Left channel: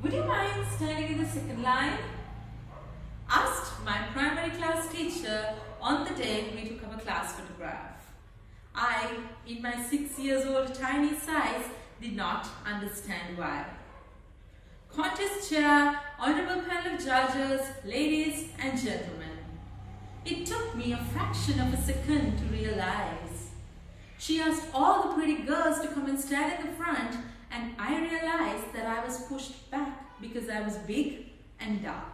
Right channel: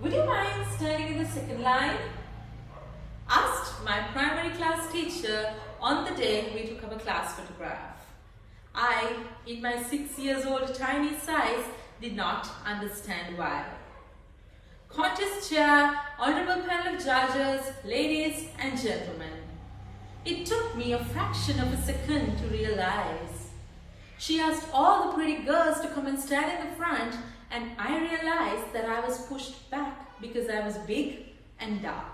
Would you mind standing in the second line? Asked my primary class teacher on the day we took up a class photograph. I, in my 6 years old tiny size, did not understand why. Contest chair, honorable panel of judges, ladies and gentlemen. It took me a fraction of a second to realize. She asked all the pretty girls to come and stand in the front, and I realized that I was pushed back because I was big and dark.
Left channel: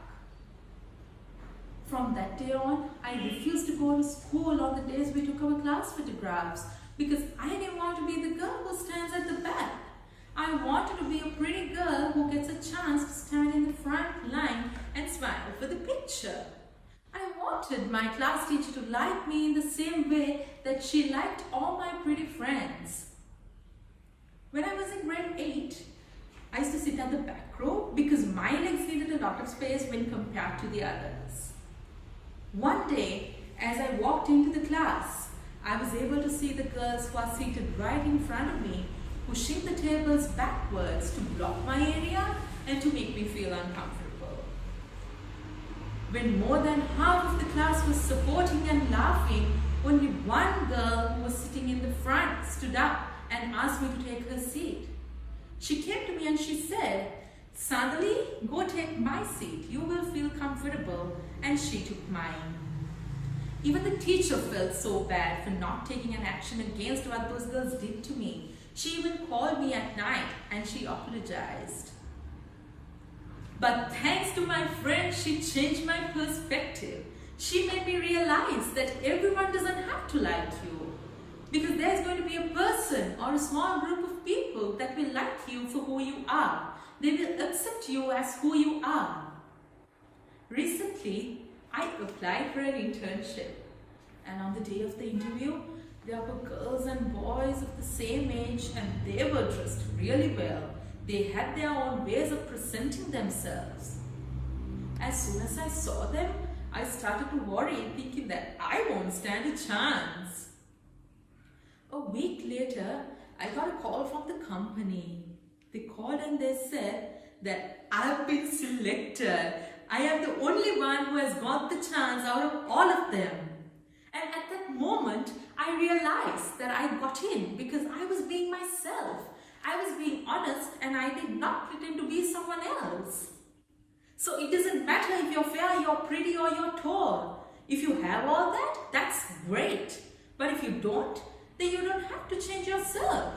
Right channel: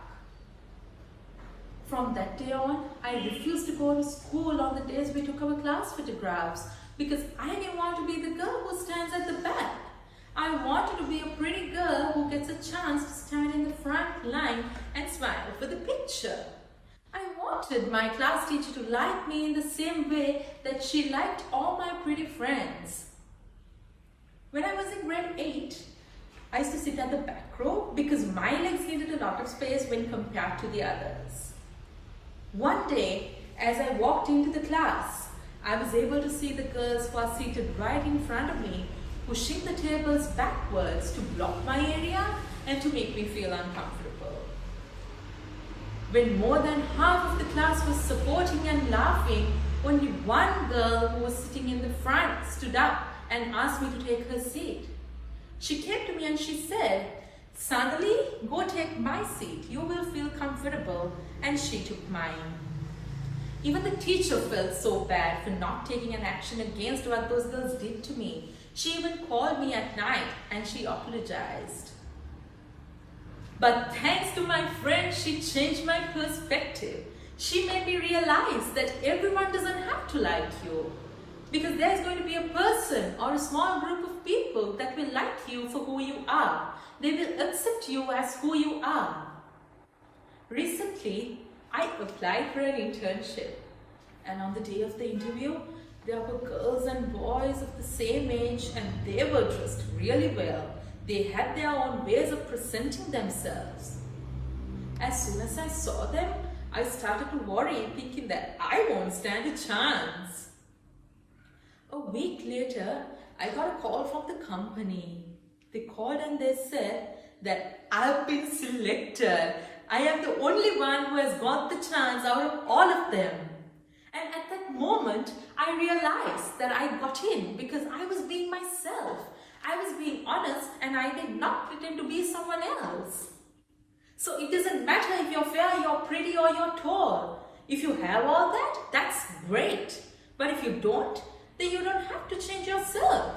From that day on, I refused to go to school on the days we took our class photographs because I didn't want to be the girl who stands at the back. I wanted to be a pretty girl who gets a chance to stand in the front line and smile for the picture. I wanted my class teacher to like me in the same way that she liked all my pretty friends. When I was in grade 8, I used to sit at the back row because my legs needed a lot of space when compared to the others. One day, as I walked into the class, I was able to see the girls who are seated right in front of me, pushing the tables backwards to block my area and to make me feel uncomfortable. When more than half of the class was supporting and laughing, only one girl who was sitting in the front stood up and asked me to take her seat. She came to me and she said, "Sandali, go take my seat. You will feel comfortable." And she took mine. Even the teacher felt so bad for not taking an action against what those girls did to me. She even called me at night and she apologized. But thanks to my friend, she changed my perspective. She made me realize that everyone doesn't have to like you, because there's going to be a person or a small group of people that will like you for who you are. They will accept you as who you are. Recently, I applied for an internship, and on the day of the interview, there were girls and boys of the same age, and they were dressed really well. They had their own ways of presenting themselves. As soon as I saw them, I started to worry, thinking that I won't stand a chance. A week later, I got a call from the company. They called and they said that I've been selected. I am the only one who has got the chance out of all of them. And at that moment, I realized that I got in because I was being myself. I was being honest and I did not pretend to be someone else. So it doesn't matter if you're fair, you're pretty or you're tall. If you have all that, that's great. But if you don't, then you don't have to change yourself.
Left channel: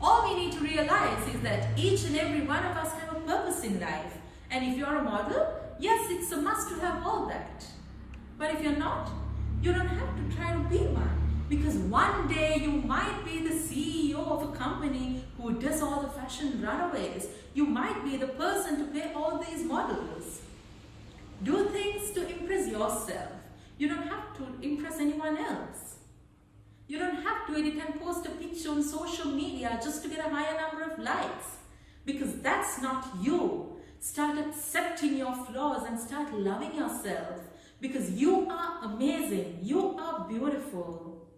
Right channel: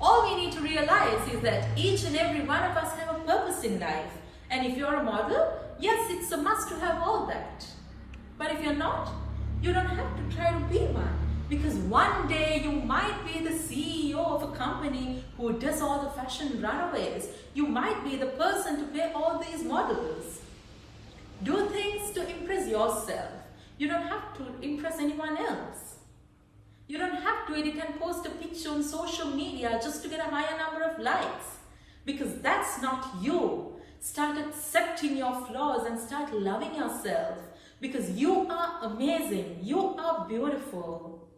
All we need to realize is that each and every one of us have a purpose in life. And if you're a model, yes, it's a must to have all that. But if you're not, you don't have to try to be one. Because one day you might be the CEO of a company who does all the fashion runaways. You might be the person to pay all these models. Do things to impress yourself. You don't have to impress anyone else. You don't have to edit and post a picture on social media just to get a higher number of likes. Because that's not you. Start accepting your flaws and start loving yourself. Because you are amazing. You are beautiful.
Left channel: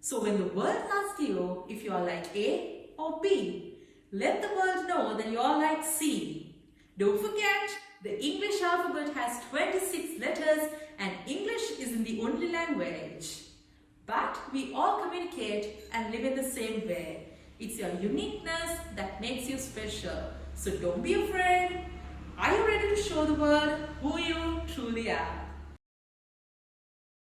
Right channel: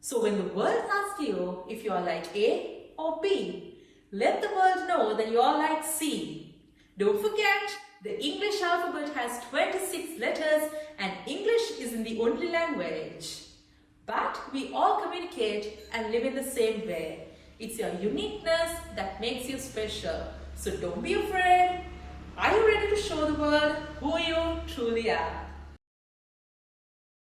So when the world asks you if you are like A or B, let the world know that you are like C. Don't forget, the English alphabet has 26 letters and English isn't the only language. But we all communicate and live in the same way. It's your uniqueness that makes you special. So don't be afraid. Are you ready to show the world who you truly are?